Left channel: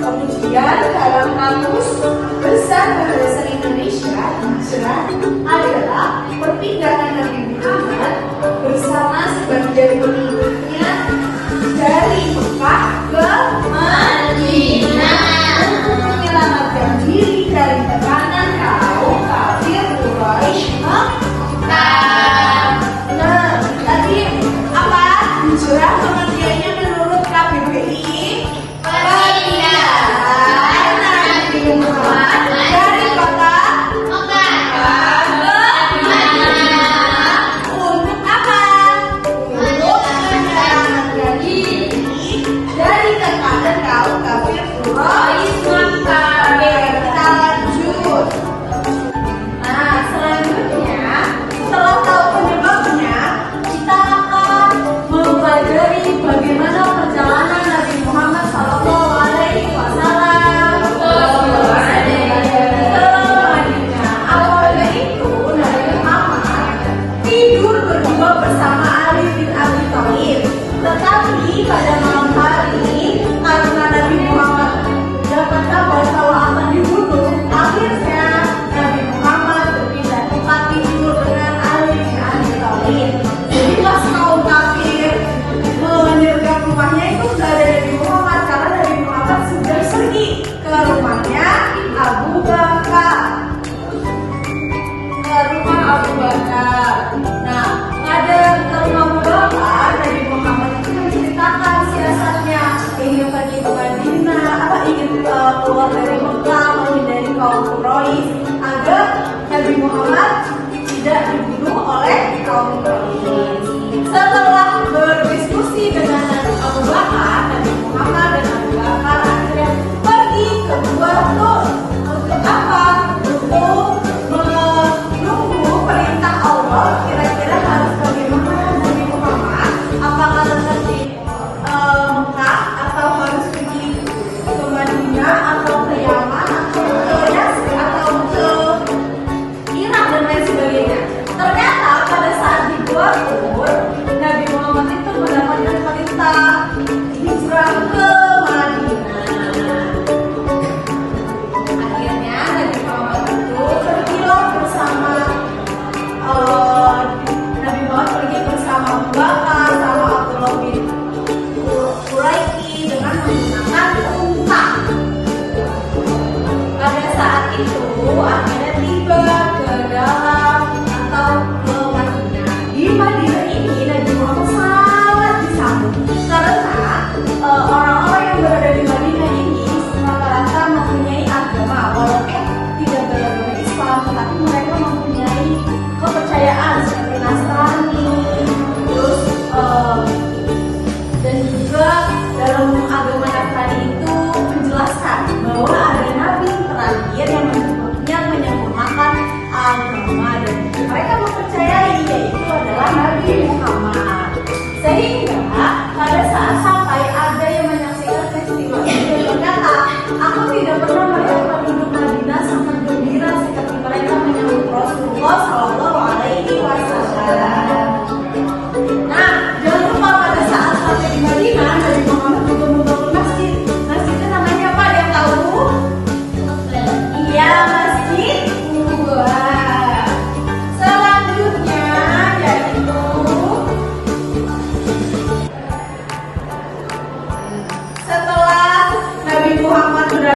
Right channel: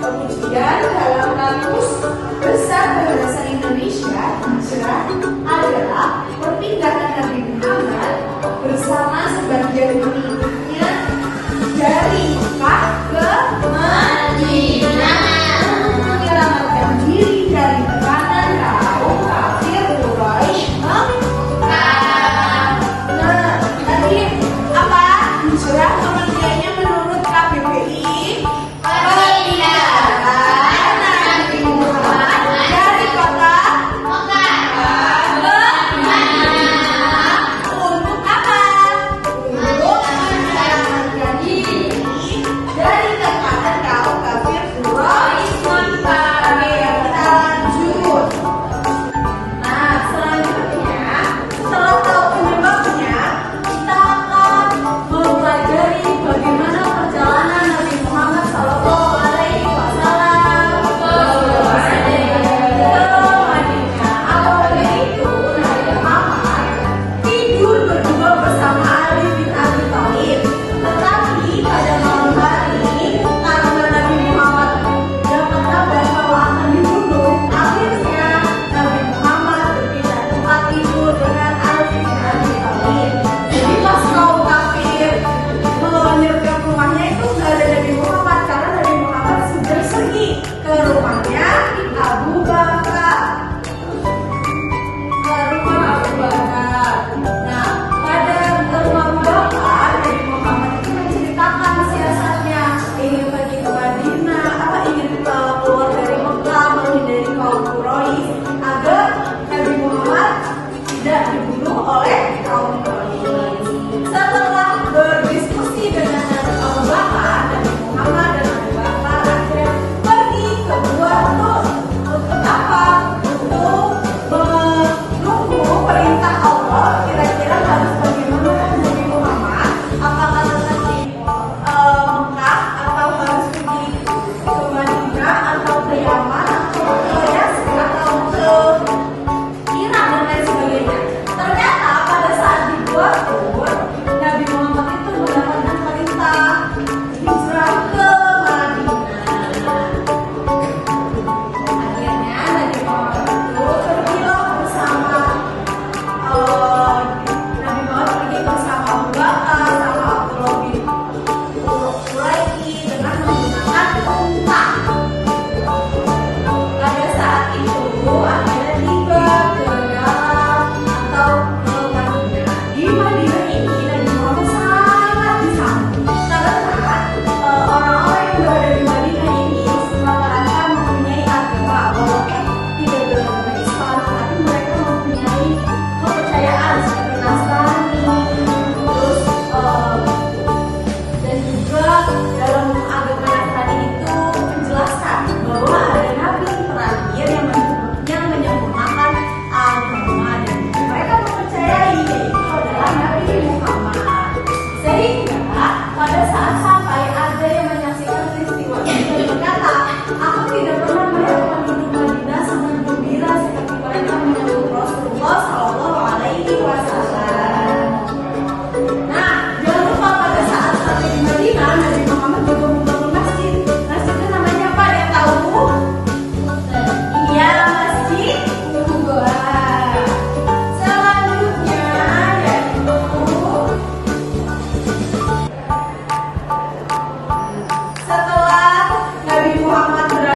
Kemudian dalam kamus besar bahasa Indonesia, hijrah adalah perpindahan Nabi Muhammad bersama sebagian pengikutnya dari Mekah ke Madinah untuk menyelamatkan diri UPI perpindahan Nabi Muhammad dari kota Mekah ke Madinah untuk apa? Untuk menyelamatkan diri dari tekanan kaum kafir Quraisy. Oke, kita lanjut. Nah, selanjutnya setelah tahu penyebabnya, kita akan mempelajari bagaimana perjalanan Nabi Muhammad Sallallahu Alaihi Wasallam ke Madinah. Awalnya itu Nabi Muhammad tidur berdua bersama Ali bin Abi Thalib. Tetapi pada malam hari, karena Nabi Muhammad dapat kabar bahwa akan dibunuh, akhirnya Nabi Muhammad berpindah tempat tidur dengan Ali bin Abi Thalib. Jadi pas kaum kafir menyergap rumahnya itu nggak ada Nabi Muhammad, karena Nabi Muhammad sudah pergi ke rumahnya Abu Bakar. Ke rumah Abu Bakar. Nah, pada rumah Abu Bakar, Nabi Muhammad itu menceritakan siasatnya ingin pergi ke Madinah, ingin keluar dari Mekah, menghindari kaum Quraisy agar Nabi Muhammad tidak dibunuh oleh